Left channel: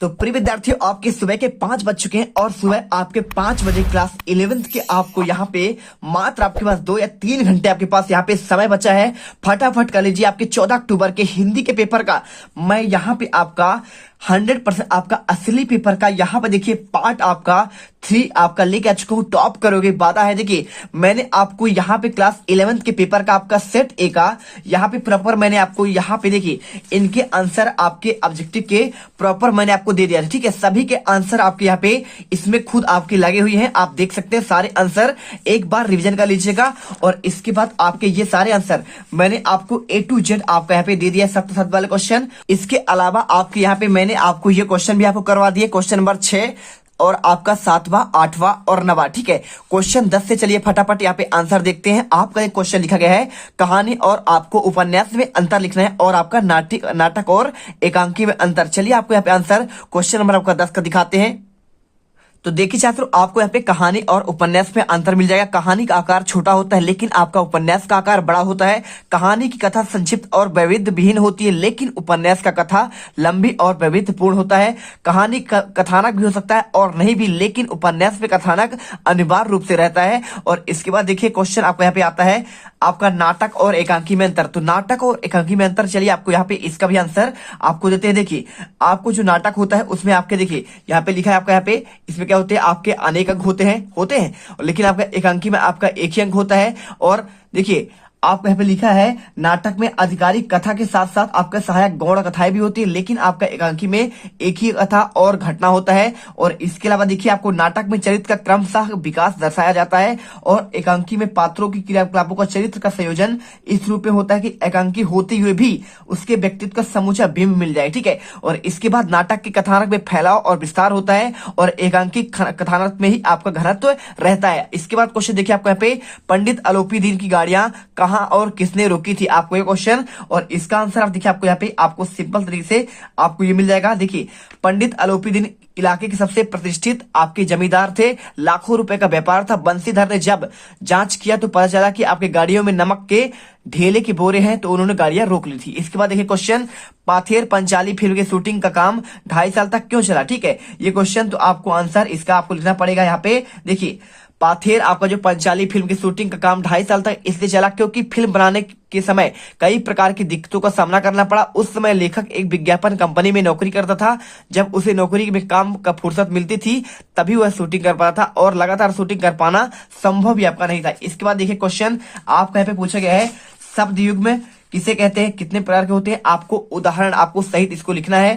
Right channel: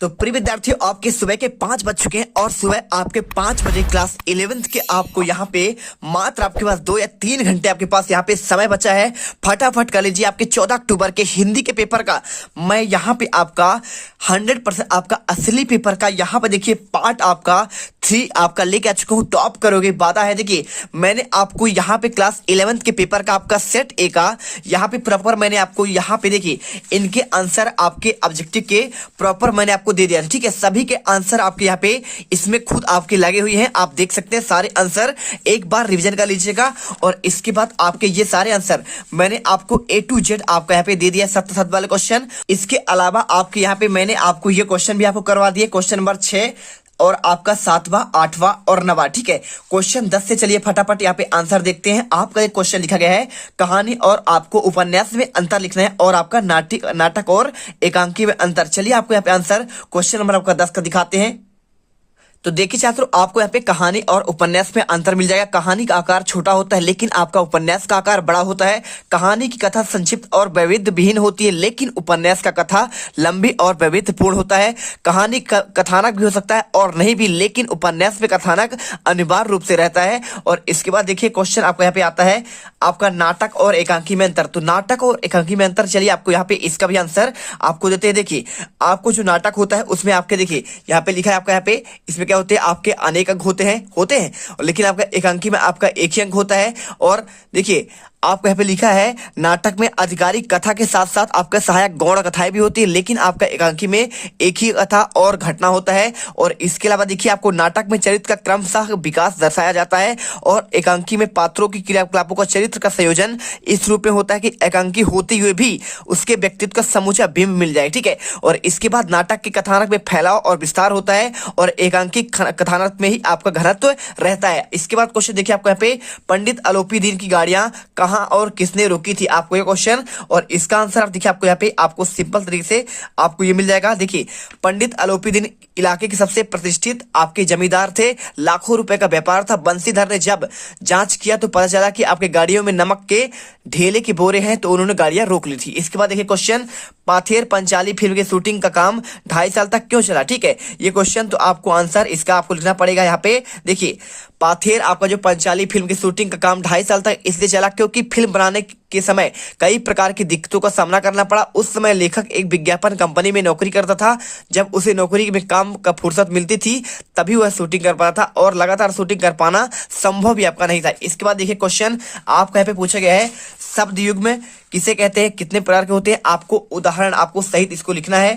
तो प्रिय विद्यार्थियों, आपके सुबह के 5 बज चुके हैं और सुबह आपके 5 बजे क्लास 11th के आपको यहाँ पे मात्र आपके पास 2 या 3 घंटे आपके पास यहाँ पे समय बचा है। फटाफट कर लीजिए आपके 14 अक्टूबर के हिंदी के पेपर का। मैं यहाँ पे आपका 100% आपका असली पेपर का यहाँ पे देखिए पार्ट आपका 3 आपका लेके आ चुका हूँ। टॉप करोगे वादा है। देखिए मैंने आपको यहाँ पे क्लास 11th के पेपर का आपका सेट ए का यहाँ पे प्रॉपर मैंने आपको यहाँ पे देखिए इनके आंसर आपके ऑब्जेक्टिव के प्रॉपर मैंने आपको दे दिया। ठीक है, सभी के आंसर आपके यहाँ पे इसमें खुद आपके लगे हुए हैं। आप देख सकते हैं सारे आंसर। एक बार रिवीजन कर लीजिएगा और इसके बाद आपके ये सारे आंसर मैंने आपको A to Z आपका यहाँ पे दे दिया। 7 वाले क्वेश्चन, इसके अलावा आपके यहाँ पे मैंने आपको ये क्वेश्चन भी आपको करवा दिए। क्वेश्चन नंबर 6 और आपका 7वां 8वां और 9वां। ठीक है, क्वेश्चन 10 से चलिए फटाफट यहाँ पे आंसर देखते हैं। आपका एक क्वेश्चन लिखा गया है कहानी और आपको उपन्यास में अंतर लिखना है और आपका नाटक और एकांकी में अंतर। चलिए आपको यहाँ पे आंसर क्वेश्चन नंबर आपका 10 का दिखाते हैं। तो देखिए छात्रों, आपको यहाँ पे कहानी और उपन्यास में अंतर मिल जाएगा। कहानी का आकार छोटा होता है लेकिन आपका उपन्यास का आकार बड़ा होता है। कहानी की कथा संक्षिप्त और वैविध्य विहीन होती है लेकिन उपन्यास का कथा लंबी और वैविध्यपूर्ण होता है। कहानी कथानक भी हो सकता है और नहीं भी, लेकिन उपन्यास में कथानक अनिवार्य रूप से रहता है। और इसके बाद देखिए क्वेश्चन आपको यहाँ पे आता है आपका नाटक और एकांकी में अंतर। तो नाटक और एकांकी में अंतर, चलिए आपको यहाँ पे इसका भी आंसर आपको देते हैं। देखिए आपको जो नाटक होता है उसमें आपके देखिए यहाँ पे लिखा है आपका यहाँ पे इसमें क्या होते हैं आपके अनेक अंक होते हैं लेकिन आपका एकांकी में आपका एक ही अंक होता है। और देखिए आपको यहाँ पे लिखा है नाटक में आधिकारिक कथा के साथ साथ आपका सहायक गौण कथाएं भी होती है लेकिन आपका एकांकी में एक ही कथा और घटना होता है। और इसके अलावा देखिए आपको नाटक में चरित्र का क्रमशः विकास दर्शाया जाता है और एकांकी में पात्रों की क्रियाकलापों का चरित्र का संयोजन इस रूप में होता है कि एकांकी होते हुए भी उसके व्यक्तित्व का समूचा बिंब मिल जाए। ठीक है, और इसके बाद नाटक के कथानक में फैलाव और विस्तार होता है और एकांकी कथानक में ही आपका घनत्व रहता है। इसके बाद क्वेश्चन देखिए आपको यहाँ पे पंडित आलोपी दीन की गाड़ियां कहां और किसने रोकी थी, आपको ये क्वेश्चन और इसका आंसर आप देखिए आपको यहाँ पे आपको सिंपल तरीके से आपको ये मिल जाएगा। देखिए पंडित आलोपीदीन इलाके के सबसे प्रतिष्ठित आपके जमींदार थे। लाखों रुपए का व्यापार था। बंसीधर ने जब जांच किया तो पता चला कि आपके गाड़ियों में नमक के ढेले के बोरे हैं तो उन्होंने गाड़ियां रोक ली थी। इसके बाद देखिए क्वेश्चन पाथेर पंचाली फिल्म की शूटिंग का काम 2.5 साल तक क्यों चला। ठीक है, ये क्वेश्चन तो आपको आंसर इसका आपको लिखना पड़ेगा यहाँ पे। देखिए पाथेर आपका जो पंचाली फिल्म की शूटिंग का काम 2.5 साल तक इसलिए चला क्योंकि फिल्म बनाने के समय कई प्रकार की दिक्कतों का सामना करना पड़ा। उस समय लेखक एक विज्ञापन कंपनी में नौकरी करता था। जब उसे नौकरी में काम का फुर्सत मिलती थी तभी वह शूटिंग कर पाता था और लगातार शूटिंग कर पाना संभव भी आपका नहीं था। इसके बाद देखिए क्वेश्चन आपका यहाँ पे पूछा गया है शब्द युग में किसे कहते हैं, कितने प्रकार के होते हैं, आपको उदाहरण आपको सहित इसको लिखना है।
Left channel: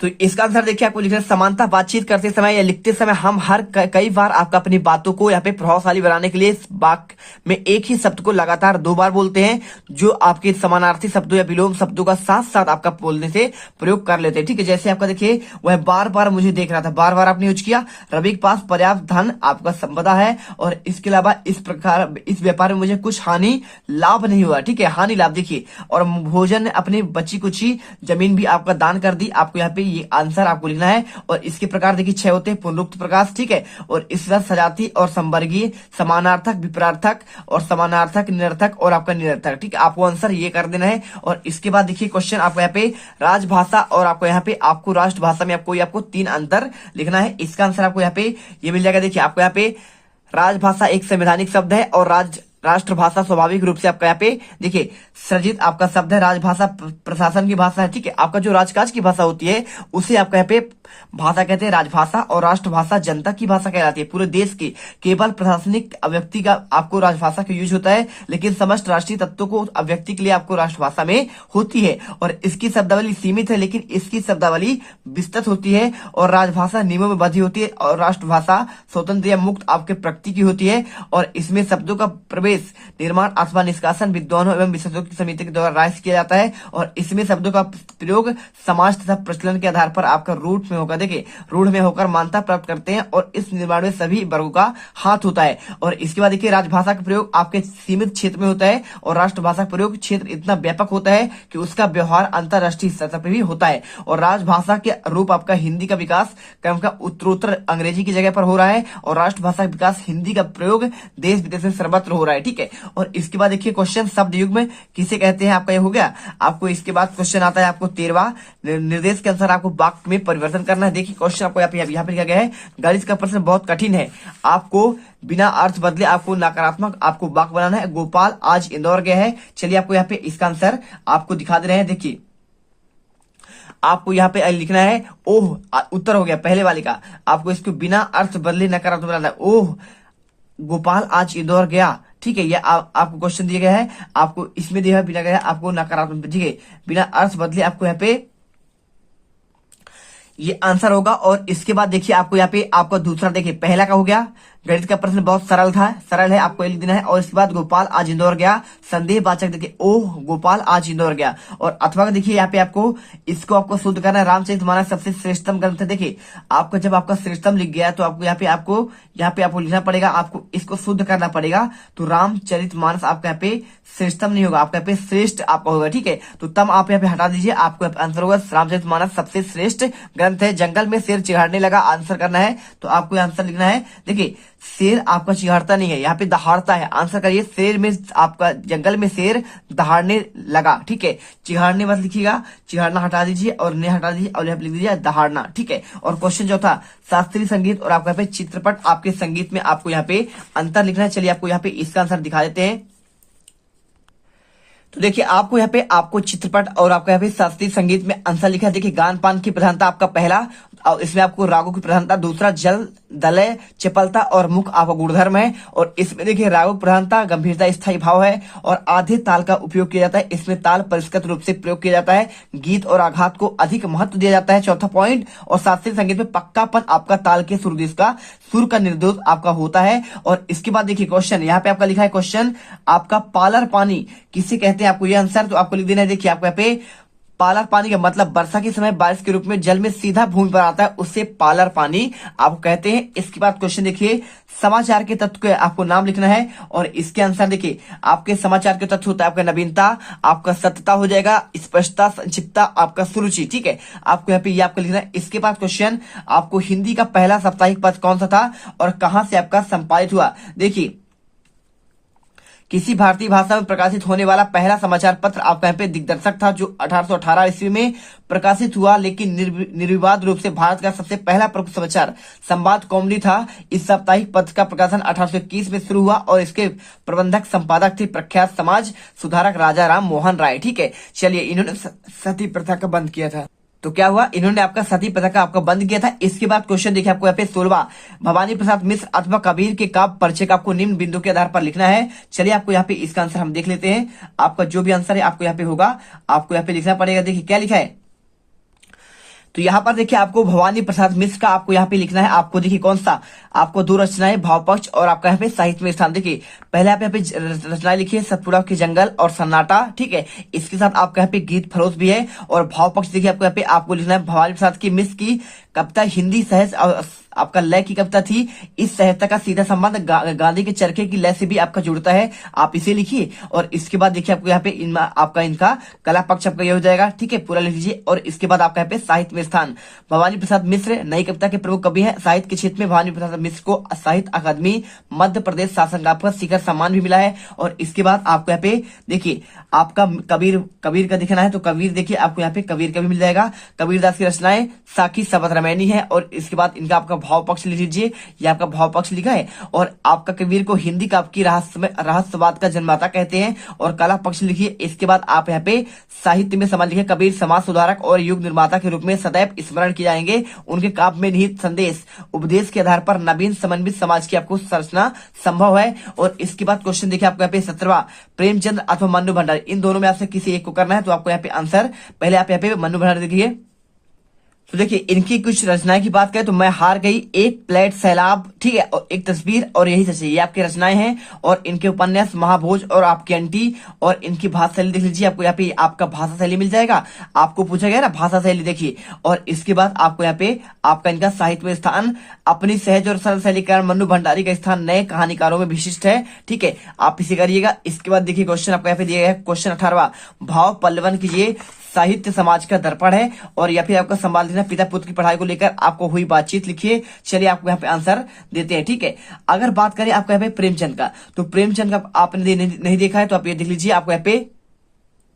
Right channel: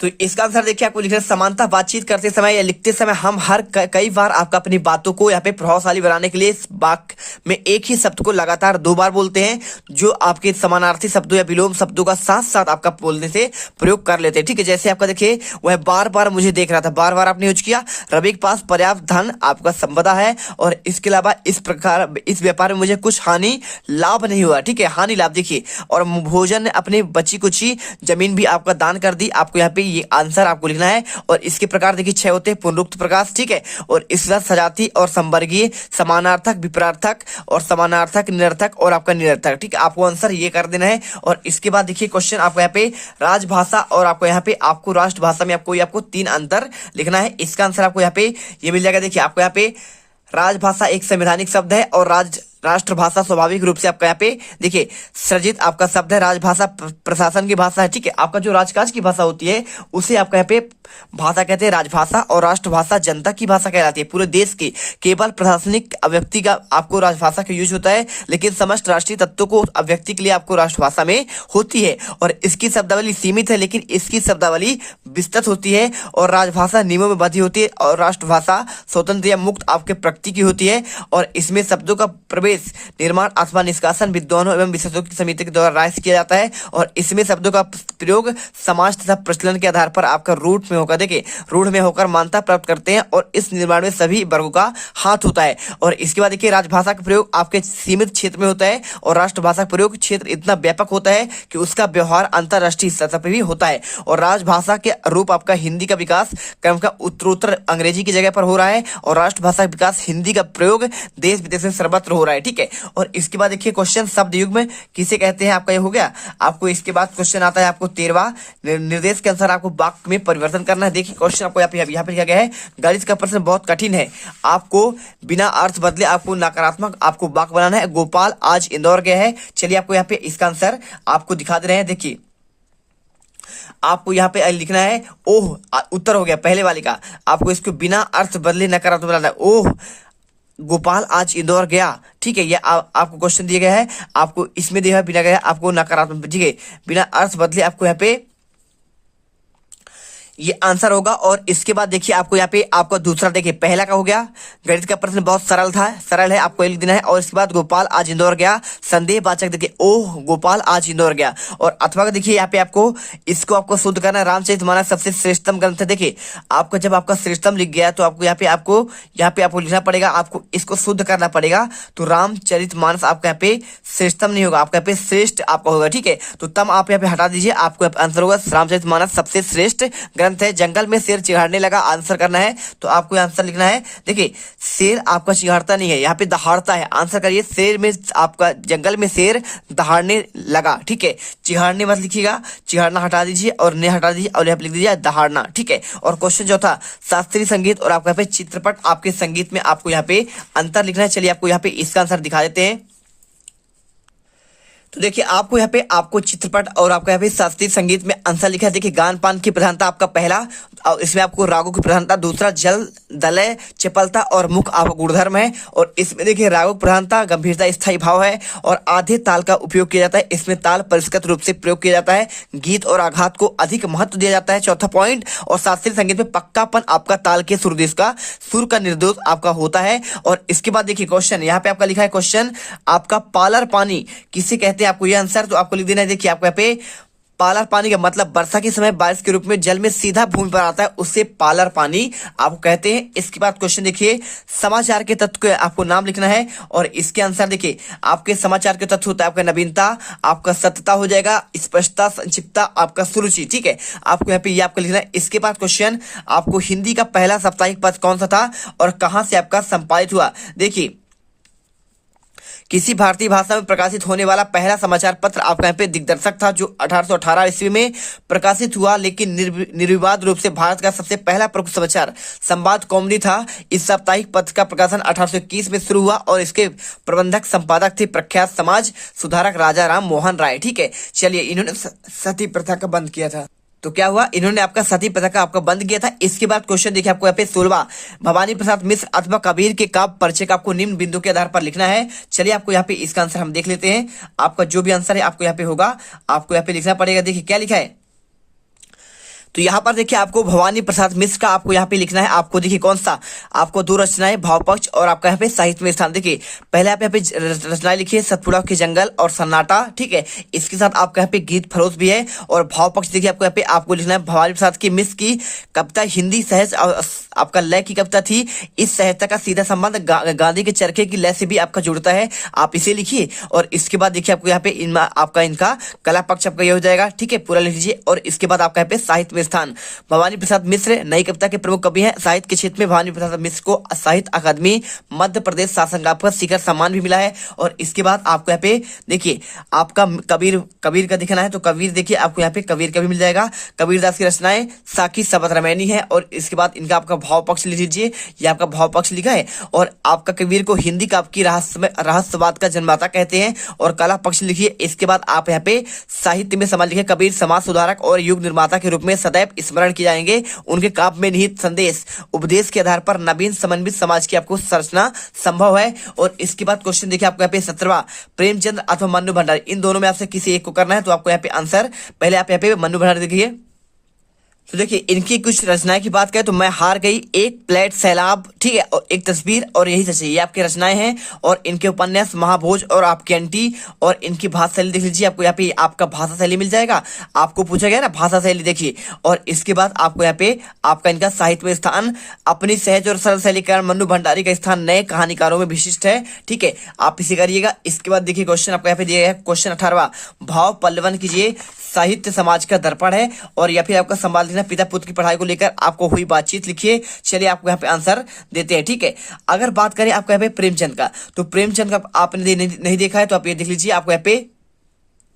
तो इसका आंसर देखिए आपको लिखना है समानता। बातचीत करते समय या लिखते समय हम हर कई बार आपका अपनी बातों को यहाँ पे प्रभावशाली बनाने के लिए वाक्य में एक ही शब्द को लगातार 2 बार बोलते हैं जो आपके समानार्थी शब्दों या विलोम शब्दों का साथ साथ आपका बोलने से प्रयोग कर लेते हैं। ठीक है, जैसे आपका देखिए वह बार बार मुझे देख रहा था, बार बार आपने यूज किया। रवि के पास पर्याप्त धन आपका संपदा है और इसके अलावा इस प्रकार इस व्यापार में मुझे कुछ हानि लाभ नहीं हुआ। ठीक है, हानि लाभ देखिए। और भोजन ने अपनी बची कुची जमीन भी आपका दान कर दी। आपको यहाँ पे ये आंसर आपको लिखना है। और इसके प्रकार देखिए 6 होते हैं पुनरुक्त प्रकाश। ठीक है, और इस तरह सजाती और संवर्गीय, समानार्थक, विपरार्थक और समानार्थक, निरर्थक और आपका निरर्थक। ठीक है, आपको आंसर ये कर देना है। और इसके बाद देखिए क्वेश्चन आपको यहाँ पे राजभाषा और आपको यहाँ पे आपको राष्ट्रभाषा में आपको 3 अंतर लिखना है। इसका आंसर आपको यहाँ पे ये मिल जाएगा। देखिए आपको यहाँ पे राजभाषा एक संवैधानिक शब्द है और राष्ट्रभाषा स्वाभाविक रूप से आपका यहाँ पे देखिए सृजित आपका शब्द है। राजभाषा प्रशासन की भाषा है। ठीक है, आपका जो राजकाज की भाषा होती है उसे आपका यहाँ पे भाषा कहते हैं राजभाषा। और राष्ट्रभाषा जनता की भाषा कहलाती है, पूरे देश की। केवल प्रशासनिक अभिव्यक्ति का आपको राजभाषा का यूज होता है लेकिन समस्त राष्ट्रीय तत्वों को अभिव्यक्ति के लिए आपको राष्ट्रभाषा में होती है। और इसकी शब्दावली सीमित है लेकिन इसकी शब्दावली विस्तृत होती है। और राजभाषा नियमों में बंधी होती है और राष्ट्रभाषा स्वतंत्र या मुक्त आपके प्रकृति की होती है। और इसमें शब्दों का प्रवेश निर्माण अथवा निष्कासन विद्वानों एवं विशेषज्ञों की समिति के द्वारा राय किया जाता है। और इसमें शब्दों का प्रयोग समाज तथा प्रचलन के आधार पर आपका रूढ़ में होकर देखिए रूढ़ में होकर मान्यता प्राप्त करते हैं और इस निर्माण में सभी वर्गों का हाथ होता है। और इसके बाद देखिए राजभाषा का प्रयोग आपके सीमित क्षेत्र में होता है और राष्ट्रभाषा का प्रयोग क्षेत्र इतना व्यापक होता है कि उसका व्यवहार अंतरराष्ट्रीय सतह पर भी होता है। और राजभाषा के रूप आपका हिंदी का विकास क्रम का उत्तरोत्तर अंग्रेजी की जगह पर हो रहा है और राष्ट्रभाषा का विकास हिंदी का प्रयोग देश विदेश में सर्वत्र हो रहा है। है, ठीक है। और इसके बाद देखिए क्वेश्चन शब्द युग में किसे कहते हैं, आपका ये हो गया। आपको इसके बाद क्वेश्चन आता है आपको 13वां, निर्देश के अनुसार आपको वाक्य में परिवर्तन करना है। देखिए क्वेश्चन आपको यहाँ पे लिखा गया है, गणित का प्रश्न बहुत कठिन है, आपको बिना अर्थ बदले आपको नकारात्मक आपको वाक्य बनाना है। गोपाल आज इंदौर गया है। चलिए आपको यहाँ पे इसका आंसर आपको दिखा दे रहे हैं। देखिए आपको यहाँ पे लिखना है ओह, उत्तर हो गया पहले वाले का। आपको इसको बिना अर्थ बदले नकारात्मक बनाना है। ओह गोपाल आज इंदौर गया, ठीक है। ये आपको क्वेश्चन दिया गया है, आपको इसमें दिया बिना गया आपको नकारात्मक, ठीक है, बिना अर्थ बदले आपको यहाँ पे ये आंसर होगा। और इसके बाद देखिए आपको यहाँ पे आपका दूसरा देखिए, पहला का हो गया गणित का प्रश्न बहुत सरल था, सरल है, आपको लिख देना है। और इसके बाद गोपाल आज इंदौर गया, संदेहवाचक देखिए ओह गोपाल आज इंदौर गया। और अथवा का देखिए यहाँ पे आपको इसको आपको शुद्ध करना है। रामचरितमानस सबसे श्रेष्ठतम ग्रंथ है। देखिए आपका जब आपका श्रेष्ठतम लिख गया तो आपको यहाँ पे आपको लिखना पड़ेगा, आपको इसको शुद्ध करना पड़ेगा। तो रामचरितमानस आपका यहाँ पे श्रेष्ठतम नहीं होगा, आपका यहाँ पे श्रेष्ठ आपका होगा, ठीक है। तो तब आप यहाँ पे हटा दीजिए, आपको आंसर होगा रामचरितमानस सबसे श्रेष्ठ है। जंगल में शेर चिढ़ाने लगा, आंसर करना है। तो आपको आंसर लिखना है, देखिए शेर आपका चिढ़ाता नहीं है, यहाँ पे दहाड़ता है। आंसर करिए, शेर में आपका जंगल में शेर दहाड़ने लगा, ठीक है। चिढ़ाने मत लिखिएगा, चिढ़ाना हटा दीजिए और ने हटा दीजिए और यहाँ पे लिख दीजिए दहाड़ना, ठीक है। और क्वेश्चन जो था शास्त्रीय संगीत और आपका यहाँ पे चित्रपट, आपके संगीत में आपको यहाँ पे अंतर लिखना है। चलिए आपको यहाँ पे इसका आंसर दिखा देते हैं। तो देखिए आपको यहाँ पे आपको चित्रपट और आपका यहाँ पे शास्त्रीय संगीत में आंसर लिखा है। देखिए गान पान की प्रधानता आपका पहला, और इसमें आपको रागों की प्रधानता दूसरा, जल दलय चपलता और मुख आपका गुणधर्म है। और इसमें देखिए रागों की प्रधानता गंभीरता स्थायी भाव है। और आधे ताल का उपयोग किया जाता है, इसमें ताल परिष्कृत रूप से प्रयोग किया जाता है। गीत और आघात को अधिक महत्व दिया जाता है, चौथा पॉइंट। और शास्त्रीय संगीत में पक्कापन आपका ताल के सुरदेश का सुर का निर्दोष आपका होता है। और इसके बाद देखिए क्वेश्चन यहाँ पे आपका लिखा है, क्वेश्चन आपका पालर पानी किसे कहते हैं, आपको ये आंसर तो आपको लिख देना है। देखिए आपको यहाँ पे पालर पानी का मतलब वर्षा के समय बारिश के रूप में जल में सीधा भूमि पर आता है, उससे पालर पानी आपको कहते हैं। इसके बाद क्वेश्चन देखिए, समाचार के तत्व के आपको नाम लिखना है। और इसके आंसर देखिए, आपके समाचार के तत्व होता है आपका नवीनता, आपका सत्यता हो जाएगा, स्पष्टता, संक्षिप्तता, आपका सुरुचि, ठीक है। आपको यहाँ पे ये आपको लिखना है। इसके बाद क्वेश्चन आपको हिंदी का पहला साप्ताहिक पत्र कौन सा था और कहां से आपका संपादित हुआ। देखिए किसी भारतीय भाषा में प्रकाशित होने वाला पहला समाचार पत्र आपका यहाँ पे दिग्दर्शक था, जो 1818 ईस्वी में प्रकाशित हुआ, लेकिन निर्विवाद रूप से भारत का सबसे पहला प्रमुख समाचार संवाद कौमुदी था। इस साप्ताहिक पत्र का प्रकाशन 1821 में शुरू हुआ और इसके प्रबंधक संपादक थे प्रख्यात समाज सुधारक राजा राम मोहन राय, ठीक है। चलिए इन्होंने सती प्रथा का बंद किया था, तो क्या हुआ, इन्होंने आपका सती प्रथा का आपका बंद किया था। इसके बाद क्वेश्चन देखिए आपको यहाँ पे 16वां, भवानी प्रसाद मिश्र अथवा कबीर के काव्य परिचय का आपको निम्न बिंदु के आधार पर लिखना है। चलिए आपको यहाँ पे इसका आंसर हम देख लेते हैं। आपका जो भी आंसर है आपको यहाँ पे होगा, आपको यहाँ पे लिखना पड़ेगा। देखिए क्या लिखा है, तो यहाँ पर देखिए आपको भवानी प्रसाद मिश्र का आपको यहाँ पे लिखना है। आपको देखिए कौन सा, आपको दो रचनाएं, भाव पक्ष और आपका यहाँ पे साहित्य में स्थान। देखिए पहले आप यहाँ पे रचनाएं लिखिए, सतपुड़ा के जंगल और सन्नाटा, ठीक है। इसके साथ आपका यहाँ पे गीत फरोज भी है। और भाव पक्ष देखिए आपको यहाँ पे आपको लिखना है, भवानी प्रसाद की मिश्र की कविता हिंदी सहज आपका लय की कविता थी। इस साहित्य का सीधा संबंध गांधी के चरखे की लय से भी आपका जुड़ता है, आप इसे लिखिए। और इसके बाद देखिए आपको यहाँ पे आपका इनका कला पक्ष आपका ये हो जाएगा, ठीक है, पूरा लिख लीजिए। और इसके बाद आपका यहाँ पे साहित्य में स्थान, भवानी प्रसाद मिश्र नई कविता के प्रमुख कवि हैं। साहित्य के क्षेत्र में भवानी प्रसाद मिश्र को साहित्य अकादमी मध्य प्रदेश शासन का शिखर सम्मान भी मिला है। और इसके बाद आपको यहाँ पे देखिए आपका कबीर का दिखाना है, तो कबीर देखिए आपको यहाँ पे कबीर का भी मिल जाएगा। कबीरदास की रचनाएं साकी शबद रामायणी है। और इसके बाद इनका आपका भाव पक्ष लिख लीजिए, ये आपका भाव पक्ष लिखा है। और आपका कबीर को हिंदी काव्य की रहस्यवाद का जन्मदाता कहते हैं। और कला पक्ष लिखिए। इसके बाद आप यहाँ पे साहित्य में समाज लिखे, कबीर समाज सुधारक और युग निर्माता के रूप में सदैव स्मरण किए जाएंगे। उनके काव्य में निहित संदेश उपदेश के आधार पर नवीन समन्वित समाज की आपको संरचना संभव है। और इसके बाद क्वेश्चन देखिए आपको यहाँ पे 17वां, प्रेमचंद अथवा मन्नू भंडारी, इन दोनों में आपसे किसी एक को करना है। तो आपको यहाँ पे आंसर, पहले आप यहाँ पे मन्नू भंडारी देखिए। तो देखिए इनकी कुछ रचनाएं की बात करें तो मैं हार गई, एक प्लेट सैलाब, ठीक है, और एक तस्वीर और यही सच है, ये आपकी रचनाएं हैं। और इनके उपन्यास महाभोज और आपकी अंटी। और इनकी भाषा शैली देख लीजिए, आपको यहाँ पे आपका भाषा शैली मिल जाएगा, आपको पूछा गया ना भाषा शैली देखिए। और इसके बाद आपको यहाँ पे आपका इनका साहित्य में स्थान, अपनी सहज और सरल शैली कारण मन्नू भंडारी का स्थान नए कहानीकारों में विशिष्ट है, ठीक है, आप इसे करिएगा। इसके बाद देखिए क्वेश्चन आपको यहाँ पे दिया गया है, क्वेश्चन 18वां, भाव पल्लवन कीजिए, साहित्य समाज का दर्पण है। और या फिर आपका संवाद लिखना, लिखना पिता पुत्र की पढ़ाई को लेकर आपको हुई बातचीत लिखिए। चलिए आपको यहाँ पे आंसर देते हैं, ठीक है। अगर बात करें आपको यहाँ पे प्रेमचंद का, तो प्रेमचंद का आपने नहीं देखा है तो आप ये देख लीजिए। आपको यहाँ पे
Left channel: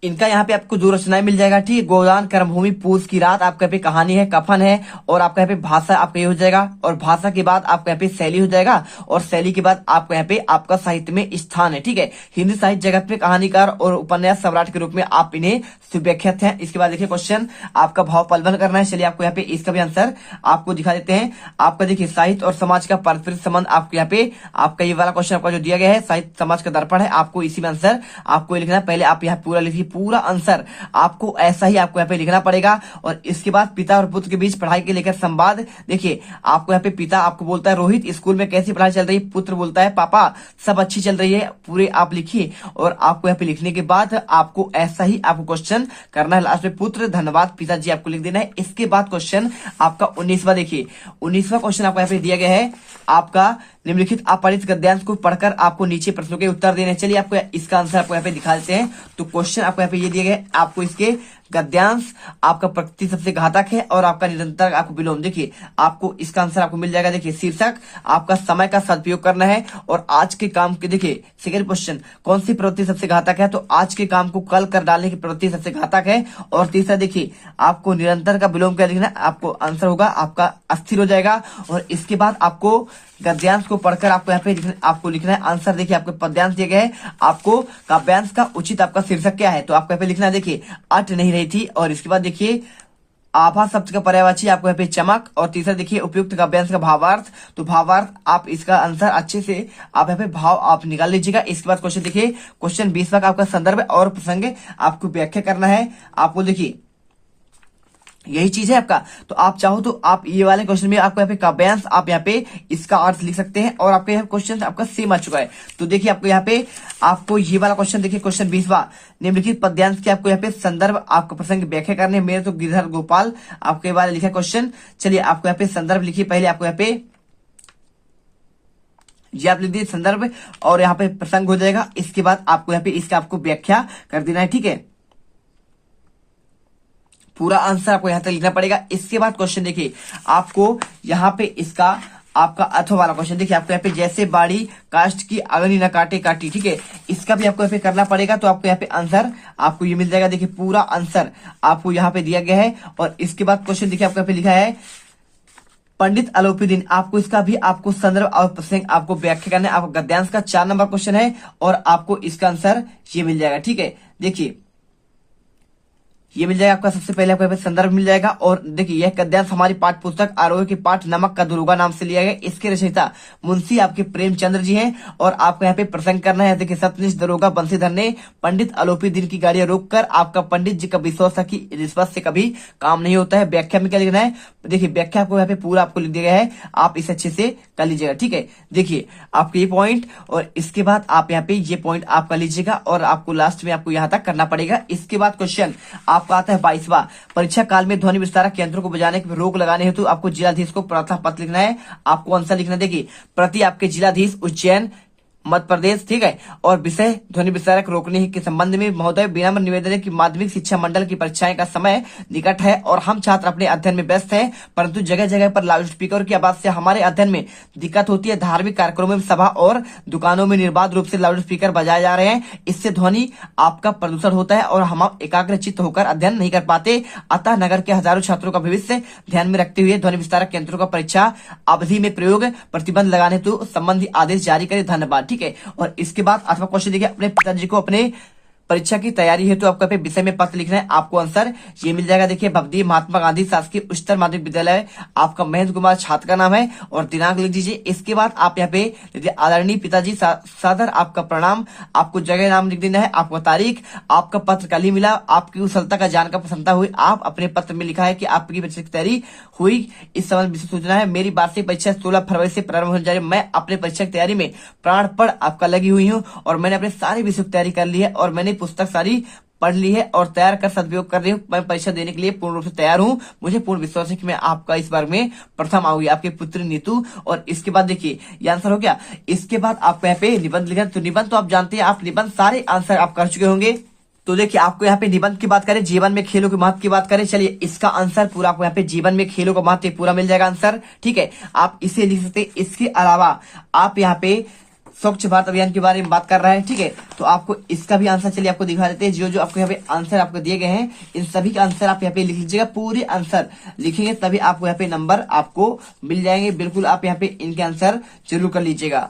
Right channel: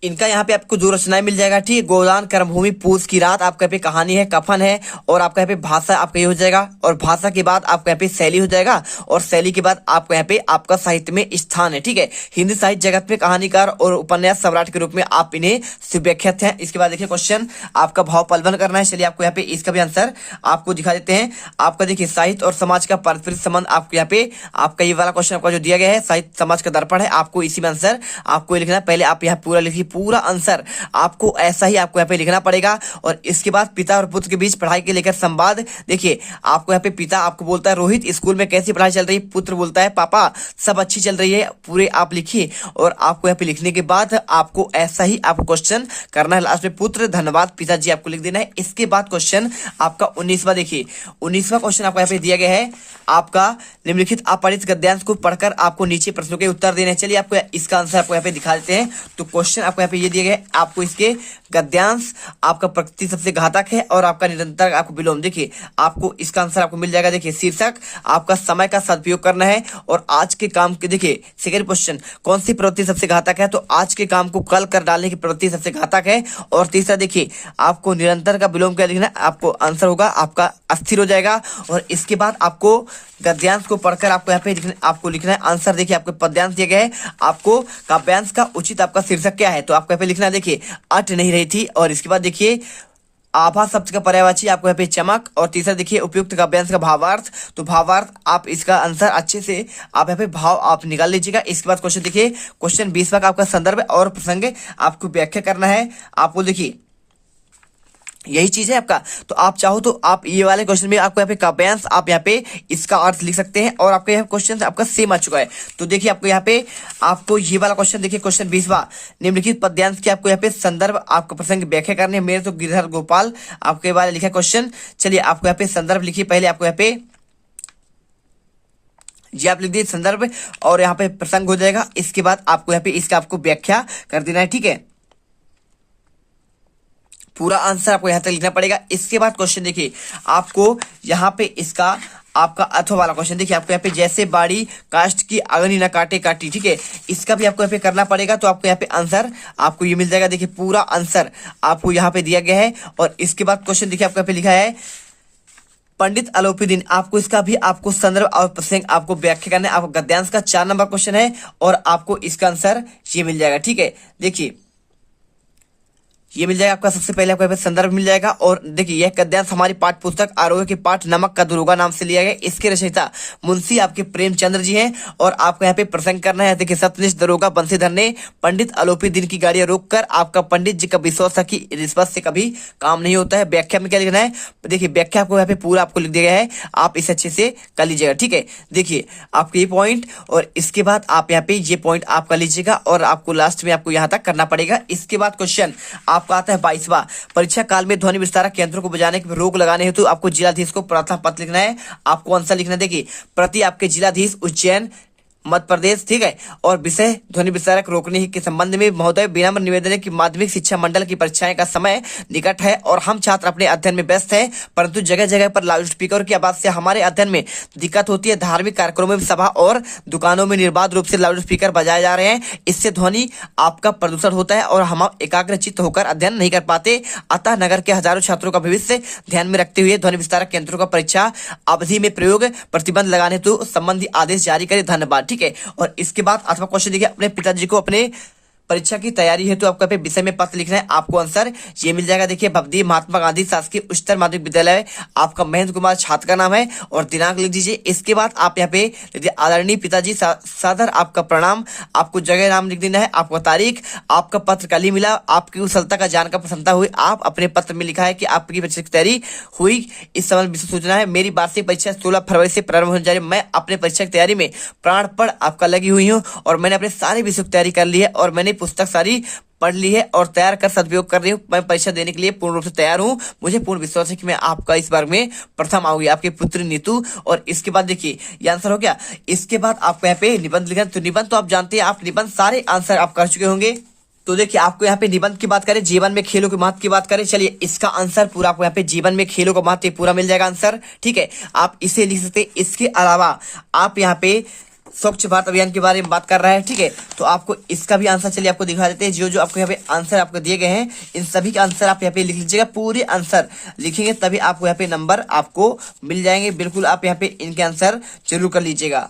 इनका यहाँ पे आपको जो रचनाएं मिल जाएगा, ठीक है। गोदान, कर्मभूमि, पूस की रात, आपका यहाँ पे कहानी है, कफन है, और आपका यहाँ पे भाषा आपका ये हो जाएगा, और भाषा के बाद आपका यहाँ पे शैली हो जाएगा, और शैली के बाद आपका यहाँ पे आपका साहित्य में स्थान है, ठीक है। हिंदी साहित्य जगत में कहानीकार और उपन्यास सम्राट के रूप में आप इन्हें सुव्याख्यात हैं। इसके बाद देखिए क्वेश्चन आपका भाव पलवन करना है। चलिए आपको यहाँ पे इसका भी आंसर आपको दिखा देते हैं। आपका देखिए साहित्य और समाज का पारस्परिक संबंध, आपको यहाँ पे आपका ये वाला क्वेश्चन आपका जो दिया गया है, साहित्य समाज का दर्पण है, आपको इसी में आंसर आपको लिखना है। पहले आप यहाँ पूरा लिखिए, पूरा आंसर आपको ऐसा ही आपको यहाँ पे लिखना पड़ेगा। और इसके बाद पिता और पुत्र के बीच पढ़ाई के लेकर संवाद, देखिए आपको यहाँ पे पिता आपको बोलता है रोहित स्कूल में कैसी पढ़ाई चल रही है, पुत्र बोलता है पापा सब अच्छी चल रही है, पूरे आप लिखिए। और आपको यहाँ पे लिखने के बाद आपको ऐसा ही आपको क्वेश्चन करना है। लास्ट में पुत्र धन्यवाद पिताजी आपको लिख देना है। इसके बाद क्वेश्चन आपका 19वां, देखिए 19वां क्वेश्चन आपको यहाँ पे दिया गया है, आपका निम्नलिखित अपरिचित गद्यांश को पढ़कर आपको नीचे प्रश्नों के उत्तर देने। चलिए आपको इसका आंसर आपको यहाँ पे दिखा देते हैं। तो क्वेश्चन आपको यहाँ पे ये दिया गया है, आपको इसके गद्यांश आपका प्रकृति सबसे घातक है और आपका निरंतर आपको विलोम, देखिए आपको इसका आंसर आपको मिल जाएगा। देखिए शीर्षक आपका समय का सदुपयोग करना है, और आज के काम के, देखिए सेकंड क्वेश्चन कौन सी प्रवृत्ति सबसे घातक है, तो आज के काम को कल कर डालने की प्रवृत्ति सबसे घातक है। और तीसरा देखिए आपको निरंतर का विलोम क्या लिखना है, आपको आंसर होगा आपका अस्थिर हो जाएगा। और इसके बाद आपको गद्यांश को पढ़कर आपको यहाँ पे आपको लिखना है आंसर। देखिए आपको पद्यांश दिया गया है, आपको काव्यांश का उचित आपका शीर्षक क्या है, तो आपको यहाँ पे लिखना है, देखिए अट नहीं रही थी। और इसके बाद देखिए आभा शब्द का पर्यायवाची आपको यहाँ पे चमक। और तीसरा देखिए उपयुक्त काव्यांश का भावार्थ, तो भावार्थ आप इसका आंसर अच्छे से आप यहाँ पे भाव आप निकाल लीजिएगा। इसके बाद क्वेश्चन देखिए क्वेश्चन 20वां का आपका संदर्भ और प्रसंग आपको व्याख्या करना है। आपको देखिए यही चीज है आपका, तो आप चाहो तो आप ये वाले क्वेश्चन में आपको यहाँ पे काव्यांश आप यहाँ पे इसका अर्थ लिख सकते हैं। और आपके यहाँ क्वेश्चन आपका सेम आ चुका है। तो देखिए आपको यहाँ पे आपको ये वाला क्वेश्चन देखिए क्वेश्चन 20वां, निम्नलिखित पद्यांश के आपको यहाँ पे संदर्भ आपको प्रसंग व्याख्या करने है। मेरे तो गिरधर गोपाल आपके बारे लिखा क्वेश्चन। चलिए आपको यहाँ पे संदर्भ लिखिए, पहले आपको यहाँ पे जी आप लिख दिए संदर्भ, और यहाँ पे प्रसंग हो जाएगा। इसके बाद आपको यहाँ पे इसका आपको व्याख्या कर देना है, ठीक है। पूरा आंसर आपको यहाँ तक लिखना पड़ेगा। इसके बाद क्वेश्चन देखिए आपको यहाँ पे इसका आपका अथवा वाला क्वेश्चन, देखिए आपको यहाँ पे जैसे बाड़ी काष्ठ की अग्नि न काटे काटी, ठीक है, इसका भी आपको यहाँ पे करना पड़ेगा। तो आपको यहाँ पे आंसर आपको ये मिल जाएगा। देखिए पूरा आंसर आपको यहाँ पे दिया गया है। और इसके बाद क्वेश्चन देखिए आपको यहाँ पे लिखा है पंडित अलोपीदीन, आपको इसका भी आपको संदर्भ और प्रसंग आपको व्याख्या करना है। आपको गद्यांश का 4 नंबर क्वेश्चन है, और आपको इसका आंसर ये मिल जाएगा, ठीक है। देखिए ये मिल जाएगा आपका, सबसे पहले आपको संदर्भ मिल जाएगा। और देखिए यह गद्यांश हमारी पाठ्य पुस्तक आरोग्य के पाठ नमक का दुर्गा नाम से लिया गया। इसके रचयिता मुंशी आपके प्रेमचंद्र जी हैं। और आपको यहाँ पे प्रसंग करना है, देखिए सत्यनिष्ठ दरोगा बंसीधर ने पंडित अलोपीदीन की गाड़ियां रोककर आपका पंडित जी का विश्वास था कि रिश्वत से कभी काम नहीं होता है। व्याख्या में क्या लिखना है, देखिए व्याख्या आपको यहाँ पे पूरा आपको लिख दिया गया है, आप इसे अच्छे से कर लीजिएगा, ठीक है। देखिए आपके ये पॉइंट, और इसके बाद आप यहाँ पे ये पॉइंट आप कर लीजिएगा, और आपको लास्ट में आपको यहाँ तक करना पड़ेगा। इसके बाद क्वेश्चन आपका आता है 22वां, परीक्षा काल में ध्वनि विस्तारक यंत्रों को बजाने की रोक लगाने हेतु आपको जिलाधीश को प्रार्थना पत्र लिखना है। आपको आंसर लिखना है, देखिए प्रति आपके जिलाधीश उज्जैन मध्य प्रदेश, ठीक है। और विषय ध्वनि विस्तारक रोकने के संबंध में महोदय विनम्र निवेदन है कि माध्यमिक शिक्षा मंडल की परीक्षाएं का समय निकट है और हम छात्र अपने अध्ययन में व्यस्त हैं, परंतु जगह जगह पर लाउड स्पीकर की आवाज से हमारे अध्ययन में दिक्कत होती है। धार्मिक कार्यक्रमों में, सभा और दुकानों में निर्बाध रूप से लाउड स्पीकर बजाए जा रहे हैं, इससे ध्वनि आपका प्रदूषण होता है और हम एकाग्रचित्त होकर अध्ययन नहीं कर पाते। अतः नगर के हजारों छात्रों का भविष्य ध्यान में रखते हुए ध्वनि विस्तारक यंत्रों का परीक्षा अवधि में प्रयोग प्रतिबंध लगाने तो संबंधी आदेश जारी करे। धन्यवाद, ठीक है। और इसके बाद अथवा क्वेश्चन देखिए अपने पिताजी को अपने परीक्षा की तैयारी है तो आपको पे विषय में पत्र लिखना है। आपको आंसर ये मिल जाएगा। देखिए भवदी महात्मा गांधी शासकीय उच्चतर माध्यमिक विद्यालय, आपका महेंद्र कुमार छात्र का नाम है और दिनांक लिख दीजिए। इसके बाद आप यहाँ पे आदरणीय पिताजी सादर आपका प्रणाम, आपको जगह नाम लिख देना है, आपका तारीख, आपका पत्र कल ही मिला, आपकी कुशलता का जानकर प्रसन्नता हुई। आप अपने पत्र में लिखा है कि आपकी परीक्षा की तैयारी हुई, इस संबंध विशेष सूचना है। मेरी वार्षिक परीक्षा 16 फरवरी से प्रारंभ होने जा रही है। मैं अपने परीक्षा की तैयारी में प्राणपण आपका लगी हुई हूँ और मैंने अपने सारे विषयों की तैयारी कर ली है और मैंने पुस्तक सारी पढ़ ली है और तैयार कर सदुपयोग कर रही हूँ। मैं परीक्षा देने के लिए पूर्ण रूप से तैयार हूँ। मुझे पूर्ण विश्वास है कि मैं आपका इस बार में प्रथम आऊंगी, आपके पुत्री नीतू। और इसके बाद देखिए ये आंसर हो गया। इसके बाद आपको यहाँ पे निबंध लिखना, तो निबंध तो आप जानते हैं, आप निबंध सारे आंसर आप कर चुके होंगे। तो देखिए आपको यहाँ पे निबंध की बात करें, जीवन में खेलों के महत्व की बात करें, चलिए इसका आंसर पूरा आपको यहाँ पे जीवन में खेलों का महत्व पूरा मिल जाएगा आंसर। ठीक है, आप इसे लिख सकते हैं। इसके अलावा आप यहाँ पे स्वच्छ भारत अभियान के बारे में बात कर रहे हैं। ठीक है, तो आपको इसका भी आंसर चलिए आपको दिखा देते हैं। जो जो आपको यहाँ पे आंसर आपको दिए गए हैं, इन सभी का आंसर आप यहाँ पे लिख लीजिएगा। पूरे आंसर लिखेंगे तभी आपको यहाँ पे नंबर आपको मिल जाएंगे। बिल्कुल आप यहाँ पे इनके आंसर जरूर कर लीजिएगा।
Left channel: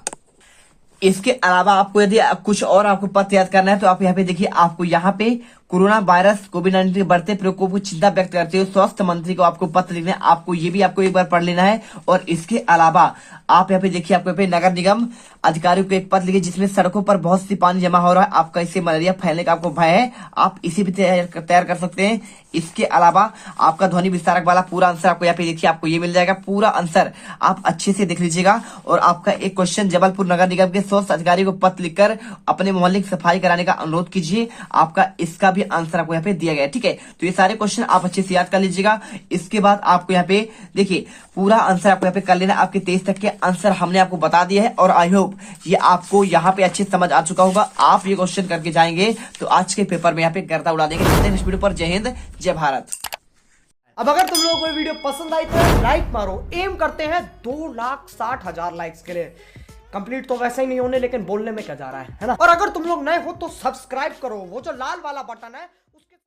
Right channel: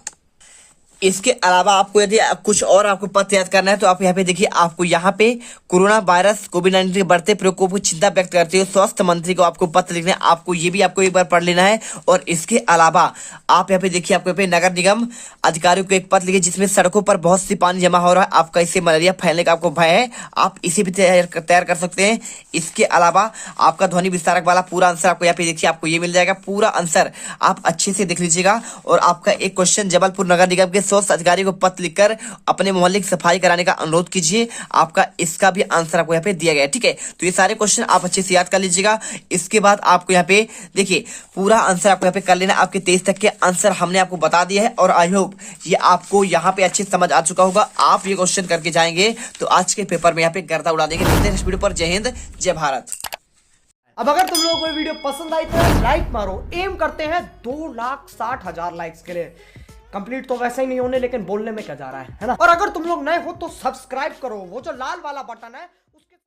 इसके अलावा आपको यदि कुछ और आपको पत्र याद करना है तो आप यहाँ पे देखिए, आपको यहाँ पे कोरोना वायरस कोविड-19 के बढ़ते प्रकोप को चिंता व्यक्त करते हुए स्वास्थ्य मंत्री को आपको पत्र लिखना है। आपको ये भी आपको एक बार पढ़ लेना है। और इसके अलावा आप यहाँ पे देखिए, आपको यहाँ पे नगर निगम अधिकारियों को एक पत्र लिखिए जिसमें सड़कों पर बहुत सी पानी जमा हो रहा है, आपका इससे मलेरिया फैलने का आपको भय है, आप इसे भी तैयार कर सकते हैं। इसके अलावा आपका ध्वनि विस्तारक वाला पूरा आंसर आपको यहाँ पे देखिए, आपको ये मिल जाएगा। पूरा आंसर आप अच्छे से देख लीजिएगा। और आपका एक क्वेश्चन, जबलपुर नगर निगम के स्वास्थ्य अधिकारी को पत्र लिखकर अपने मोहल्ले की सफाई कराने का अनुरोध कीजिए, आपका इसका भी आंसर आपको यहाँ पे दिया गया है। ठीक है, तो ये सारे क्वेश्चन आप अच्छे से याद कर लीजिएगा। इसके बाद आपको यहाँ पे देखिए, पूरा आंसर आपको यहाँ पे कर लेना। आपके 23 तक के आंसर हमने आपको बता दिए हैं और आई होप ये आपको यहाँ पे अच्छे समझ आ चुका होगा। आप ये क्वेश्चन करके जाएंगे तो आज के पेपर में यहाँ पे गर्दा उड़ा देंगे। इस वीडियो पर जय हिंद जय भारत। अब अगर तुम लोगों को ये वीडियो पसंद आई तो लाइक मारो। एम करते हैं 2,60,000 लाइक्स के लिए। कंप्लीट तो वैसे ही नहीं होने, लेकिन बोलने में क्या जा रहा है ना। और अगर तुम लोग नए हो तो सब्सक्राइब करो, वो जो लाल वाला बटन है